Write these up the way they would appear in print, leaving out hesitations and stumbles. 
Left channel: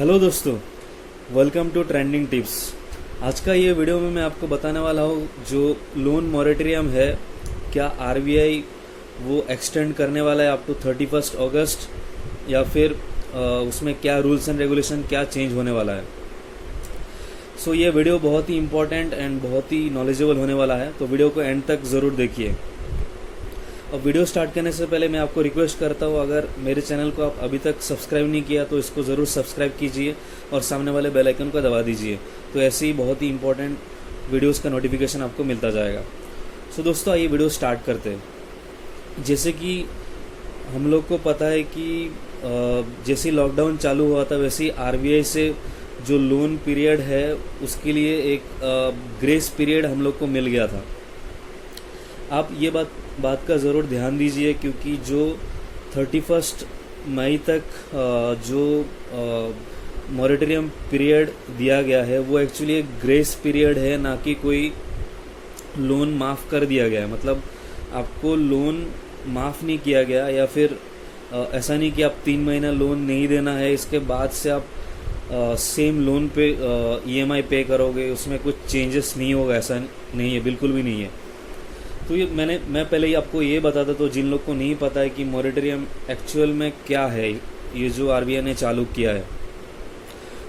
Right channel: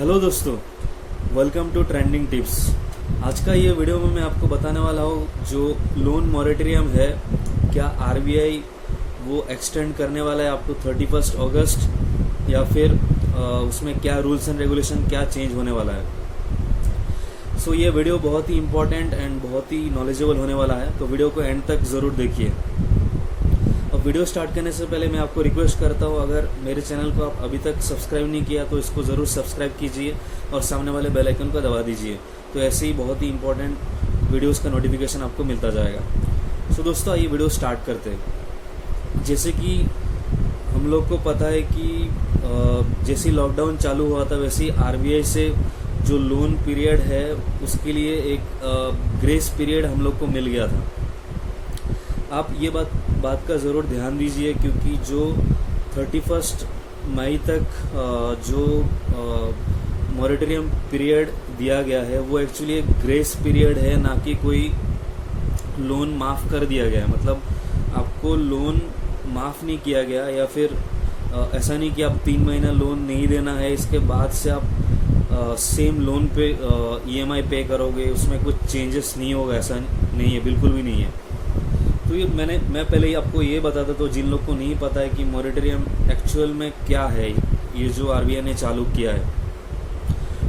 Hello दोस्तों, welcome to trending tips. आज का ये वीडियो में मैं आपको बताने वाला हूँ जो लोन मॉरेटोरियम है, क्या आरबीआई वो एक्सटेंड करने वाला है अप टू 31 अगस्त या फिर उसमें क्या रूल्स एंड रेगुलेशन क्या चेंज होने वाला है। सो ये वीडियो बहुत ही इंपॉर्टेंट एंड बहुत ही नॉलेजेबल होने वाला है, तो वीडियो को एंड तक ज़रूर देखिए। अब वीडियो स्टार्ट करने से पहले मैं आपको रिक्वेस्ट करता हूँ, अगर मेरे चैनल को आप अभी तक सब्सक्राइब नहीं किया तो इसको ज़रूर सब्सक्राइब कीजिए और सामने वाले बेल आइकन को दबा दीजिए, तो ऐसे ही बहुत ही इंपॉर्टेंट वीडियोस का नोटिफिकेशन आपको मिलता जाएगा। सो दोस्तों, आइए वीडियो स्टार्ट करते हैं। जैसे कि हम लोग को पता है कि जैसे लॉकडाउन चालू हुआ था वैसे ही आरबीआई से जो लोन पीरियड है उसके लिए एक ग्रेस पीरियड हम लोग को मिल गया था। आप ये बात का ज़रूर ध्यान दीजिए, क्योंकि जो 31 मई तक जो मॉरेटोरियम पीरियड दिया गया है वो एक्चुअली एक ग्रेस पीरियड है, ना कि कोई लोन माफ़ कर दिया गया है। मतलब आपको लोन माफ़ नहीं किया गया, या फिर ऐसा नहीं कि आप 3 महीना लोन नहीं देना है, इसके बाद से आप सेम लोन पे ईएमआई पे करोगे, उसमें कुछ चेंजेस नहीं होगा, ऐसा नहीं है, बिल्कुल भी नहीं है। तो ये मैं पहले ही आपको ये बताता, तो जिन लोग को नहीं पता है कि मॉरेटोरियम एक्चुअल में क्या है, ये जो आरबीआई ने चालू किया है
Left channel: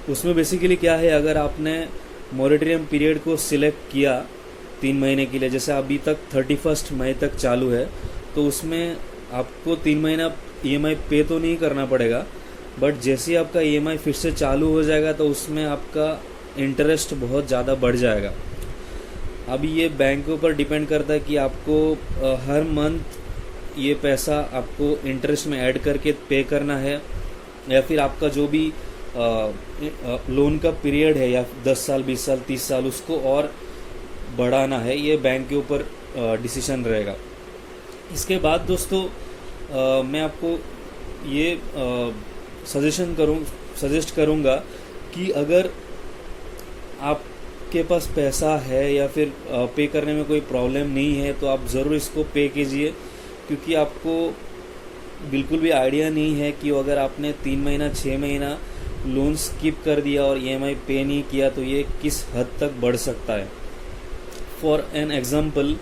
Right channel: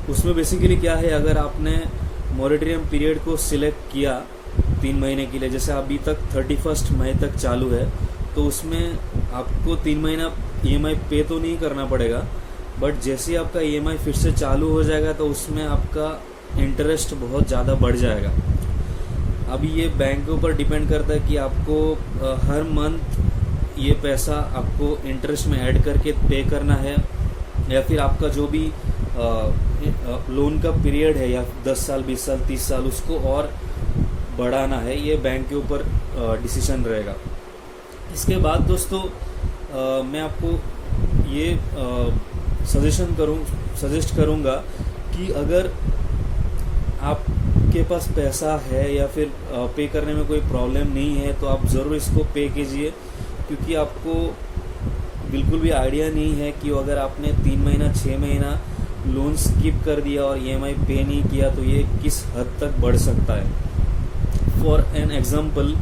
उसमें बेसिकली क्या है। अगर आपने मॉरेटोरियम पीरियड को सिलेक्ट किया 3 महीने के लिए, जैसे अभी तक 31 मई तक चालू है, तो उसमें आपको 3 महीना ईएमआई पे तो नहीं करना पड़ेगा, बट जैसे ही आपका ईएमआई फिर से चालू हो जाएगा तो उसमें आपका इंटरेस्ट बहुत ज़्यादा बढ़ जाएगा। अभी ये बैंक के ऊपर डिपेंड करता है कि आपको हर मंथ ये पैसा आपको इंटरेस्ट में ऐड करके पे करना है, या फिर आपका जो भी लोन का पीरियड है, या 10 साल 20 साल 30 साल उसको और बढ़ाना है। ये बैंक के ऊपर डिसीजन रहेगा। इसके बाद दोस्तों मैं आपको ये सजेस्ट करूँगा कि अगर आपके पास पैसा है या फिर पे करने में कोई प्रॉब्लम नहीं है तो आप ज़रूर इसको पे कीजिए, क्योंकि आपको बिल्कुल भी आइडिया नहीं है कि अगर आपने 3 महीना 6 महीना लोन स्किप कर दिया और ईएमआई पे नहीं किया तो ये किस हद तक बढ़ सकता है। फॉर एन एग्जाम्पल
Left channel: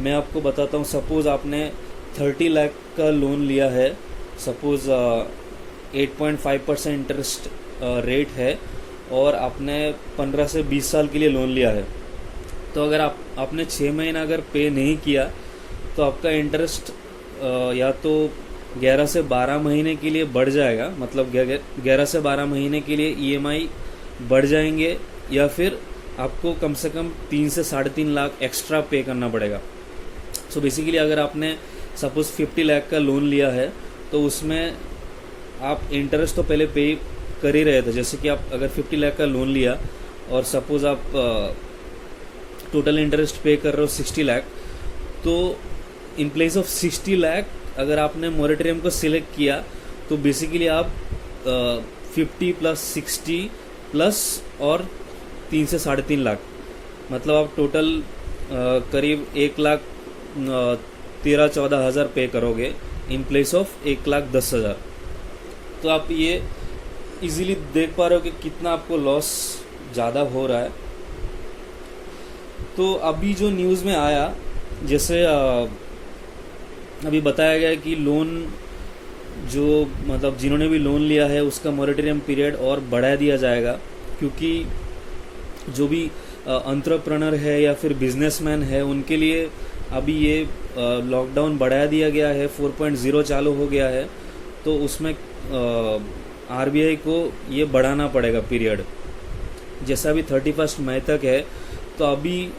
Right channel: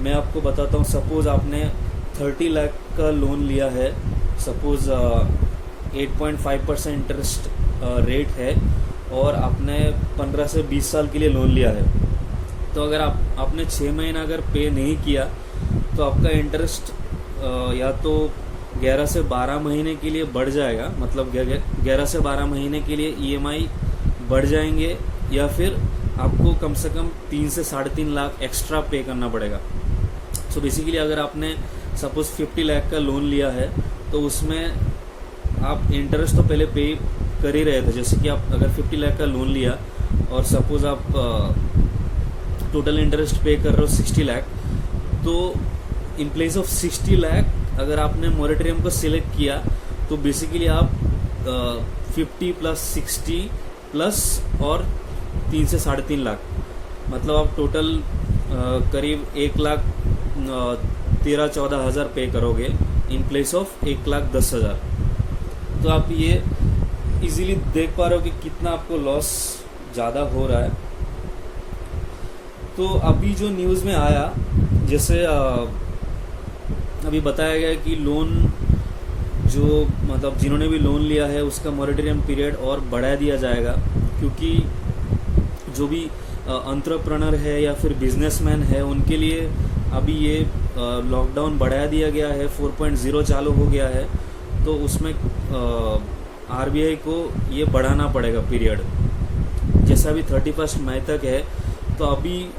मैं आपको बताता हूँ, सपोज आपने 30 लाख का लोन लिया है, सपोज 8.5% इंटरेस्ट रेट है, और आपने 15 से 20 साल के लिए लोन लिया है, तो अगर आपने 6 महीना अगर पे नहीं किया तो आपका इंटरेस्ट या तो 11 से 12 महीने के लिए बढ़ जाएगा, मतलब 11 से 12 महीने के लिए ईएमआई बढ़ जाएंगे, या फिर आपको कम से कम 3 से 3.5 लाख एक्स्ट्रा पे करना पड़ेगा। सो बेसिकली अगर आपने सपोज 50 लाख का लोन लिया है तो उसमें आप इंटरेस्ट तो पहले पे कर ही रहे थे। जैसे कि आप अगर 50 लाख का लोन लिया और सपोज आप टोटल इंटरेस्ट पे कर रहे हो 60 लाख, तो इन प्लेस ऑफ 60 लाख अगर आपने मॉरेटोरियम को सिलेक्ट किया तो बेसिकली आप 50 प्लस 60 प्लस और 3 से 3.5 लाख, मतलब आप टोटल करीब 1,13-14 हज़ार पे करोगे इन प्लेस ऑफ 1,10,000। तो आप ये इजीली देख पा रहे हो कि कितना आपको लॉस ज़्यादा हो रहा है। तो अभी जो न्यूज़ में आया, जैसे अभी बताया गया कि लोन जो मतलब जिन्होंने भी लोन लिया है उसका मॉरेटोरियम पीरियड और बढ़ा दिया जाएगा, क्योंकि जो भी एंटरप्रेन्योर है या फिर बिजनेसमैन है उनके लिए अभी ये लॉकडाउन बढ़ा दिया गया है, 4.0 चालू हो गया है, तो उसमें आरबीआई को ये बढ़ाना पड़ेगा पीरियड। जैसा अभी 31 मई तक है, तो अभी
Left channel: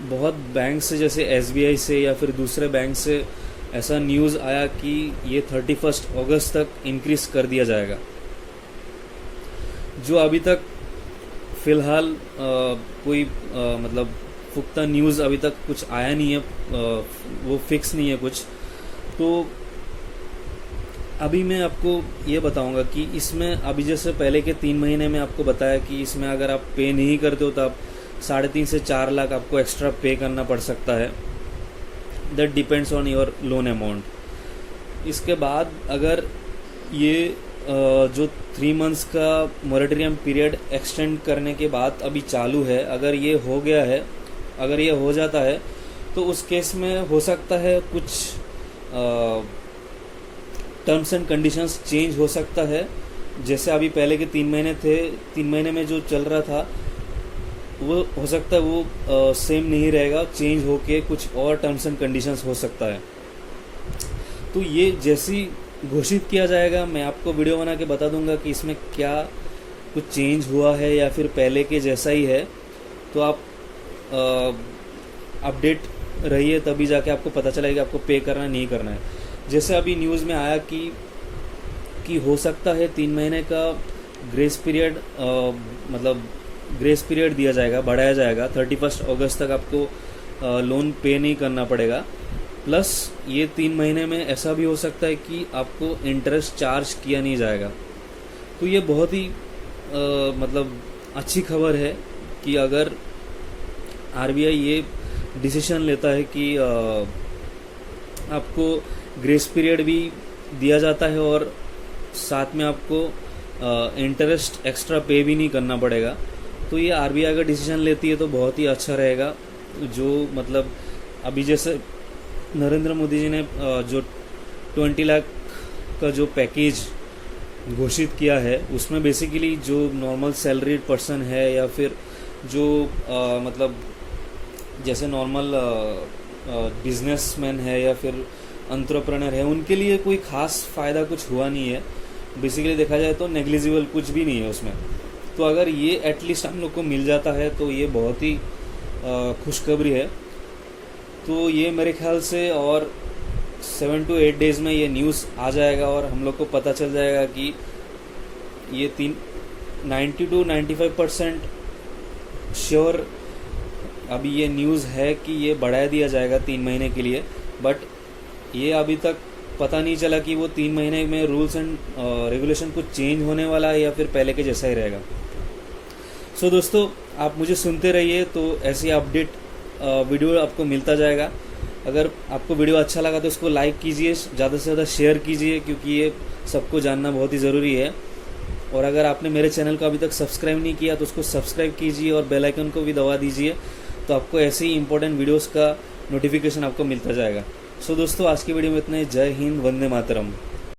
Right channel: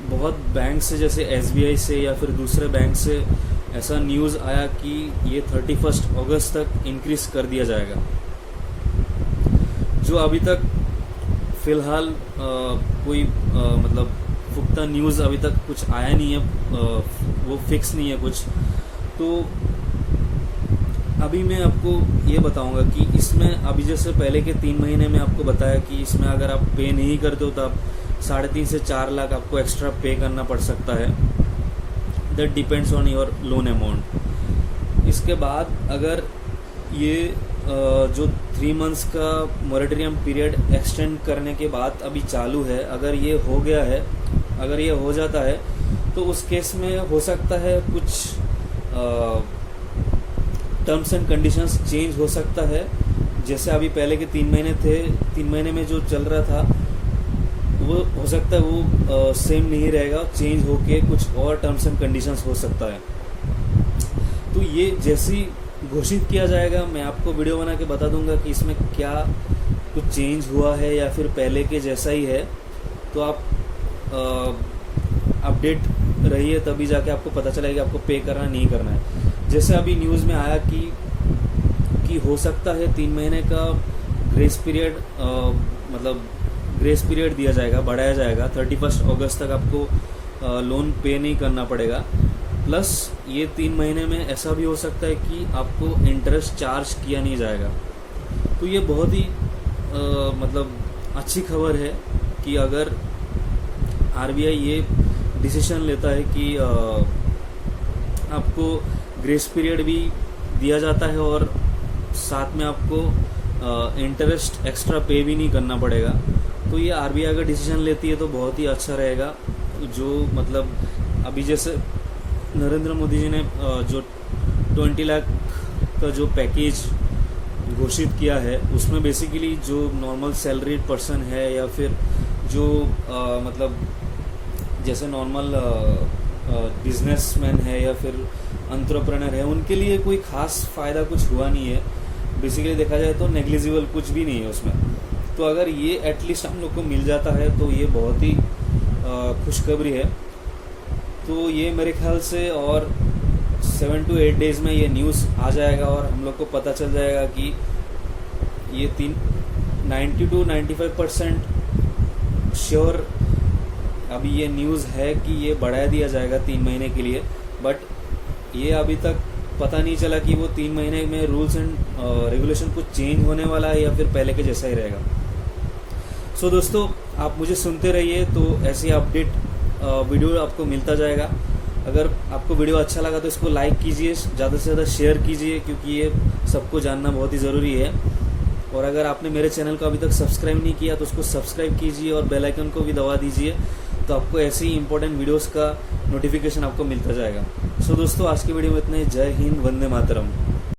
बहुत बैंक से जैसे एसबीआई से या फिर दूसरे बैंक से ऐसा न्यूज़ आया कि ये 31 अगस्त तक इंक्रीज कर दिया जाएगा। जो अभी तक फिलहाल कोई मतलब पुख्ता न्यूज़ अभी तक कुछ आया नहीं है, वो फिक्स नहीं है कुछ। तो अभी मैं आपको ये बताऊंगा कि इसमें अभी जैसे पहले के 3 महीने में आपको बताया कि इसमें अगर आप पे नहीं करते हो तो आप 3.5 से 4 लाख आपको एक्स्ट्रा पे करना पड़ सकता है। That depends on your loan amount. इसके बाद अगर ये जो 3 मंथ्स का मॉरेटोरियम पीरियड एक्सटेंड करने के बाद अभी चालू है, अगर ये हो गया है, अगर ये हो जाता है तो उस केस में हो सकता है कुछ टर्म्स एंड कंडीशंस चेंज हो सकता है। जैसे अभी पहले के 3 महीने थे, 3 महीने में जो चल रहा था वो हो सकता है वो सेम नहीं रहेगा, चेंज होके कुछ और टर्म्स एंड कंडीशंस हो सकता है। तो ये जैसी घोषित किया जाएगा मैं आपको वीडियो बना के बता दूंगा कि इसमें क्या कुछ चेंज हुआ है या फिर पहले के जैसा ही है। तो आप अपडेट रहिए, तभी जाके आपको पता चलेगा आपको पे करना नहीं करना है। जैसे अभी न्यूज़ में आया कि हो सकता है 3 महीने का ग्रेस पीरियड मतलब ग्रेस पीरियड दिया जाएगा, बढ़ाया जाएगा। 31 अगस्त तक आपको लोन पे नहीं करना पड़ेगा। प्लस ये 3 महीने में ऐसा भी हो सकता है कि आपको इंटरेस्ट चार्ज किया नहीं जाएगा। तो ये बहुत ही मतलब अच्छी खबर है कि अगर आरबीआई ये डिसीजन लेता है कि आपको ग्रेस पीरियड भी दिया जाता है और साथ में आपको इंटरेस्ट एक्स्ट्रा पे भी नहीं करना पड़ेगा, तो ये आरबीआई का डिसीजन लेती है तो बहुत ही अच्छा रहेगा। जो मतलब अभी जैसे नरेंद्र मोदी जी ने जो 20 लाख का जो पैकेज घोषित किया है, उसमें बेसिकली जो नॉर्मल सैलरीड पर्सन है या फिर जो मतलब जैसे नॉर्मल बिजनेसमैन है या फिर एंटरप्रेन्योर है, उनके लिए कोई खास फायदा कुछ हुआ नहीं है। बेसिकली देखा जाए तो नेग्लिजिबल कुछ भी नहीं है उसमें। तो अगर ये एटलीस्ट हम लोग को मिल जाता है तो ये बहुत ही खुशखबरी है। तो ये मेरे ख्याल से और 7 to 8 डेज में ये न्यूज़ आ जाएगा और हम लोग को पता चल जाएगा कि ये 90 to 95% श्योर अभी ये न्यूज़ है कि ये बढ़ा दिया जाएगा 3 महीने के लिए। बट ये अभी तक पता नहीं चला कि वो 3 महीने में रूल्स एंड रेगुलेशन कुछ चेंज होने वाला है या फिर पहले के जैसा ही रहेगा। सो दोस्तों, आप मुझे सुनते रहिए तो ऐसी अपडेट वीडियो आपको मिलता जाएगा। अगर आपको वीडियो अच्छा लगा तो इसको लाइक कीजिए, ज़्यादा से ज़्यादा शेयर कीजिए, क्योंकि ये सबको जानना बहुत ही ज़रूरी है। और अगर आपने मेरे चैनल को अभी तक सब्सक्राइब नहीं किया तो उसको सब्सक्राइब कीजिए और बेल आइकन को भी दबा दीजिए, तो आपको ऐसे ही इंपॉर्टेंट वीडियोस का नोटिफिकेशन आपको मिलता जाएगा। सो दोस्तों, आज की वीडियो में इतना ही। जय हिंद, वंदे मातरम।